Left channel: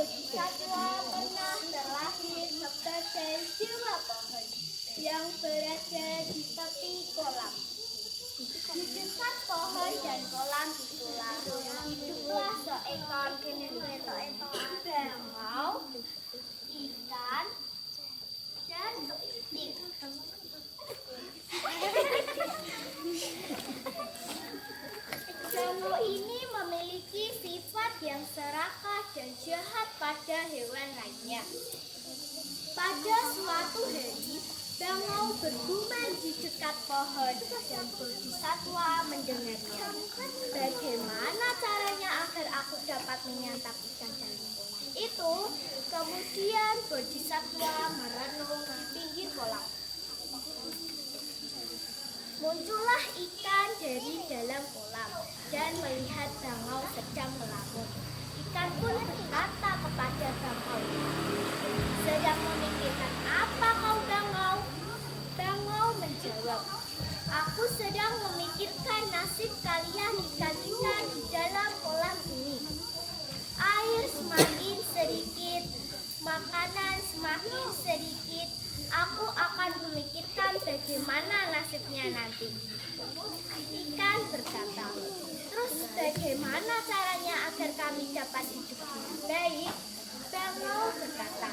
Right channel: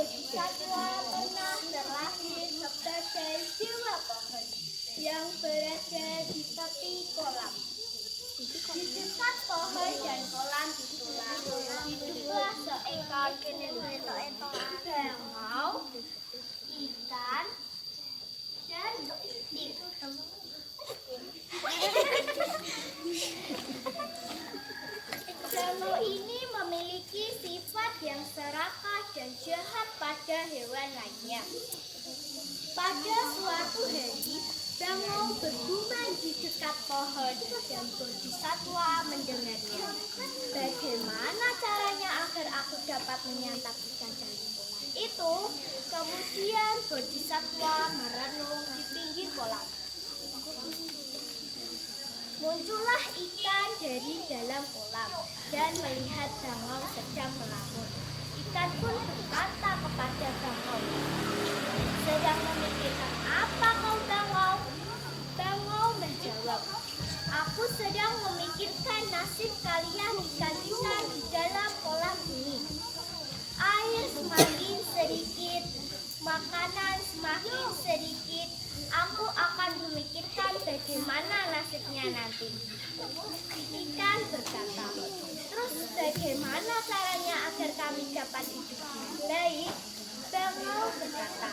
Bodhisatwa pernah terlahir sebagai dewa pohon yang berada di tepi kolam. Di dekat pohon dan kolam itulah hiduplah seekor bangau, ikan, dan kepiting. Bangau ini memiliki sifat yang serakah dan jahat pada hewan lainnya. Pada suatu hari, bangau bergumam di dekat pohon dan Bodhisatwa mendengarnya. Bagaimana caranya agar aku dapat menyantap ikan dalam kolam itu? Kemudian Bodhisatwa merenung di pinggir kolam. Muncullah ikan dari dalam kolam dan melihat bangau sedang melamun. Ikan pun berkata kepada bangau, "Sedang memikirkan apa kau, bangau?" Bangau menjawab, "Aku sedang memikirkan nasib kalian ikan-ikan di dalam kolam ini. Air semakin sedikit, makanan semakin sedikit. Aku akan memikirkan bagaimana nasibnya nanti." Ikan berkata, "Terus bagaimana caranya agar kami dapat hidup dengan baik?" Bangau berkata,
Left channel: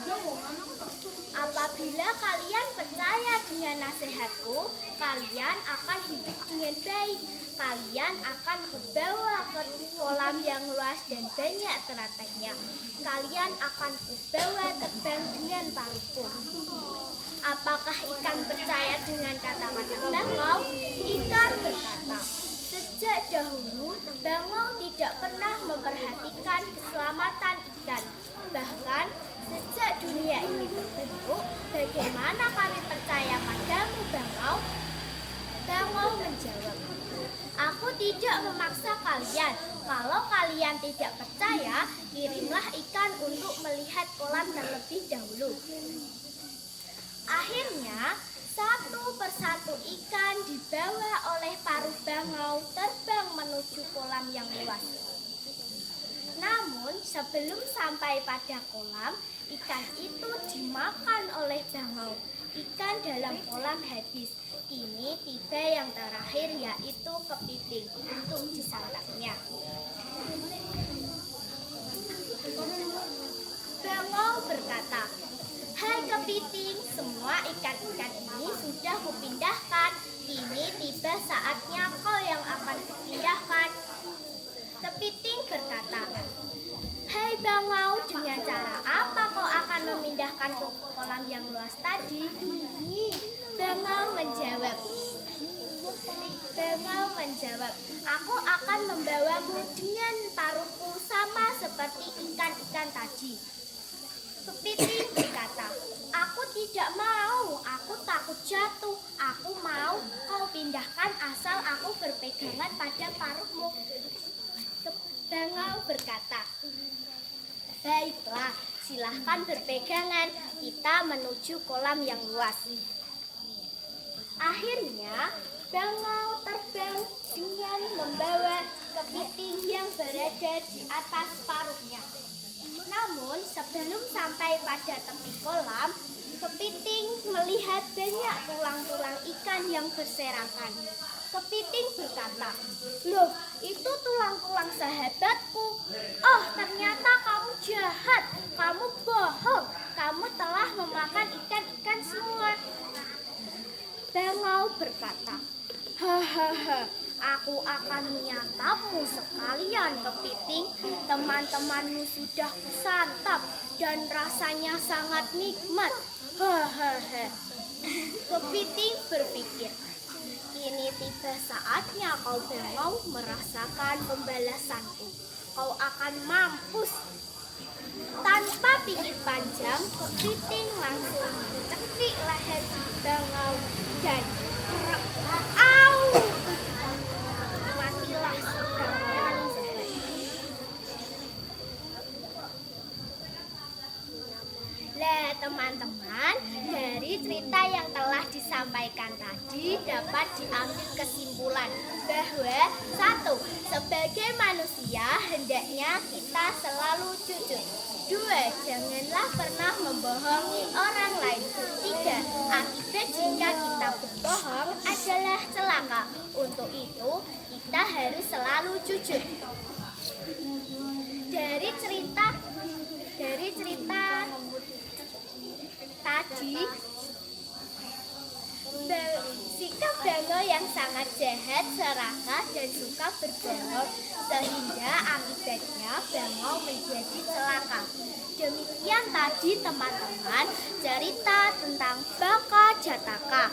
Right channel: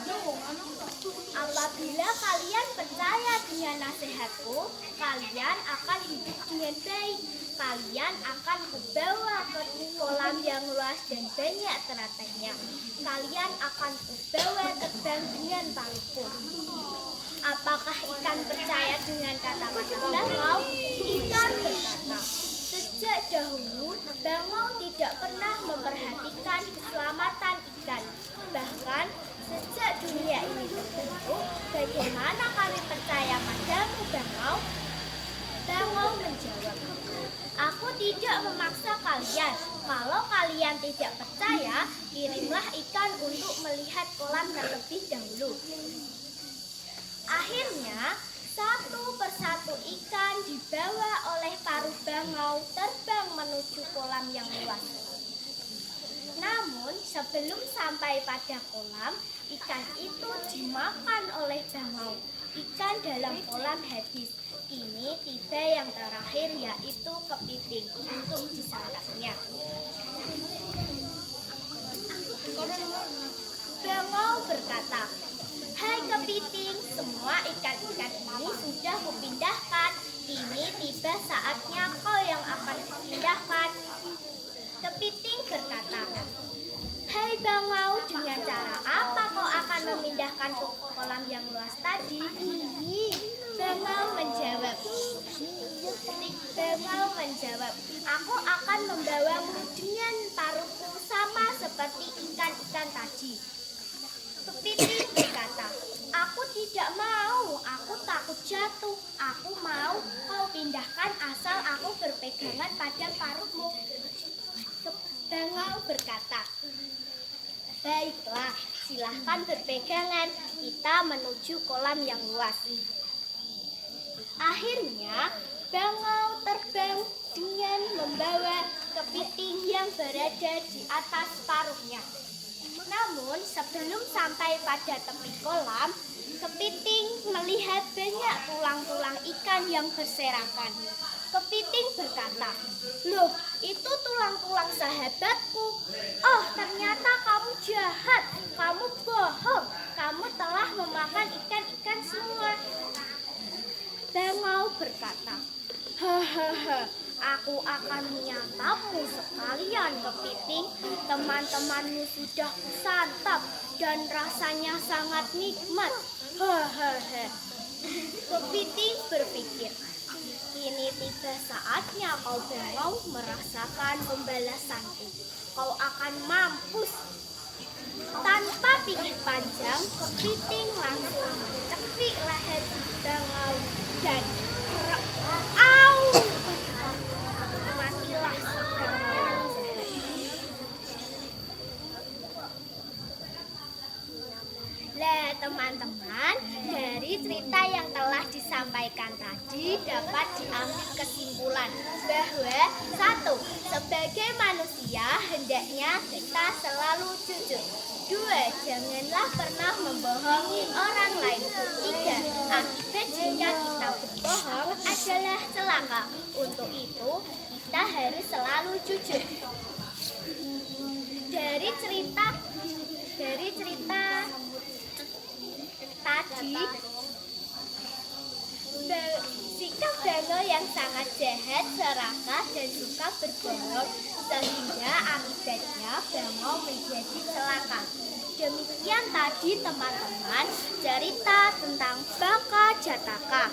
"Apabila kalian percaya dengan nasihatku, kalian akan hidup dengan baik. Kalian akan kubawa ke kolam yang luas dan banyak terataknya. Kalian akan kubawa terbang dengan paruhku." Apakah ikan percaya dengan kata-kata bangau? Ikan berkata, "Sejak dahulu, bangau tidak pernah memperhatikan keselamatan ikan. Bahkan sejak dunia ini terbentuk, bagaimana kami percaya padamu, bangau?" Bangau menjawab, "Aku tidak memaksa kalian. Kalau kalian tidak percaya, kirimlah ikan untuk melihat kolam terlebih dahulu." Akhirnya, satu persatu ikan dibawa oleh paruh bangau terbang menuju kolam yang luas. Namun, sebelum sampai pada kolam, ikan itu dimakan oleh bangau. Ikan dalam kolam habis. Kini tiba yang terakhir, yaitu kepiting untuk disantapnya. Bangau berkata, "Hai kepiting, semua ikan-ikan ini sudah kupindahkan. Kini tiba saatnya kau yang akan kupindahkan." Kepiting berkata, "Hai bangau, dengan cara apa kau akan memindahkan ke kolam yang luas tadi?" Bangau menjawab, "Aku akan membawamu dengan paruhku sama seperti ikan-ikan tadi." Kepiting berkata, "Aku tidak mau, aku takut jatuh. Aku mau kau pindahkan asal aku berpegangan pada paruhmu." Bangau berkata, "Baiklah, silahkan berpegangan. Kita menuju kolam yang luas." Akhirnya, bangau terbang dengan membawa kepiting yang berada di atas paruhnya. Namun, sebelum sampai pada tepi kolam, kepiting melihat banyak tulang-tulang ikan yang berserakan. Kepiting berkata, "Loh, itu tulang-tulang sahabatku. Oh, ternyata kamu jahat. Kamu bohong. Kamu telah memakan ikan-ikan semua." Bangau berkata, "Hahaha, aku akan menyantapmu sekalian, kepiting. Teman-temanmu sudah kusantap dan rasanya sangat nikmat." Hahaha. Kepiting berpikir, "Kini tiba saatnya kau bangau merasakan pembalasanku. Kau akan mampus." Tanpa pikir panjang, kepiting langsung mencekik leher bangau dan matilah si bangau yang jahat. Lah, teman-teman, dari cerita yang telah disampaikan tadi dapat diambil kesimpulan bahwa satu, sebagai manusia hendaknya kita selalu jujur. Dua, janganlah pernah membohongi orang lain. Tiga, akibat jika kita berbohong adalah celaka. Untuk itu kita harus selalu jujur. Dari cerita tadi, sikap Bango yang sangat jahat, serakah, dan suka berbohong, sehingga akibatnya Bango menjadi celaka. Demikian tadi teman-teman cerita tentang Baka Jataka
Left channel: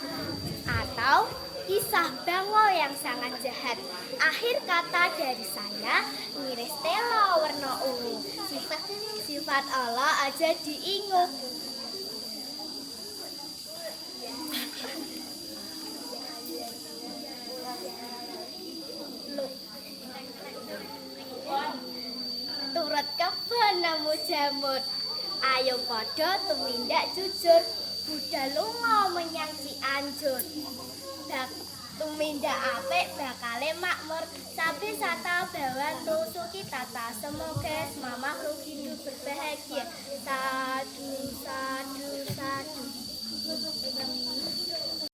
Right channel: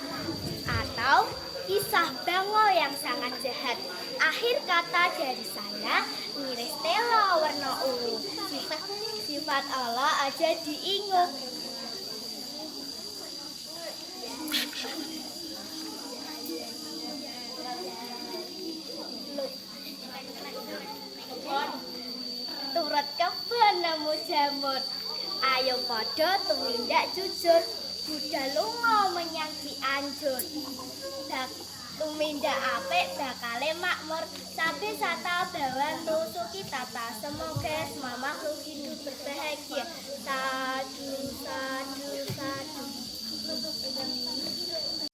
atau kisah Bango yang sangat jahat. Akhir kata dari saya, ngiris telo warna ungu. Sifat Allah aja diingu. Turut kebenamu jamur. Ayo podo tumindak jujur. Budal lunga menyang Cianjur. Tumindak apik bakale makmur. Sabi sata bawan rusuki tata. Semoga semua makhluk hidup berbahagia. Sadu.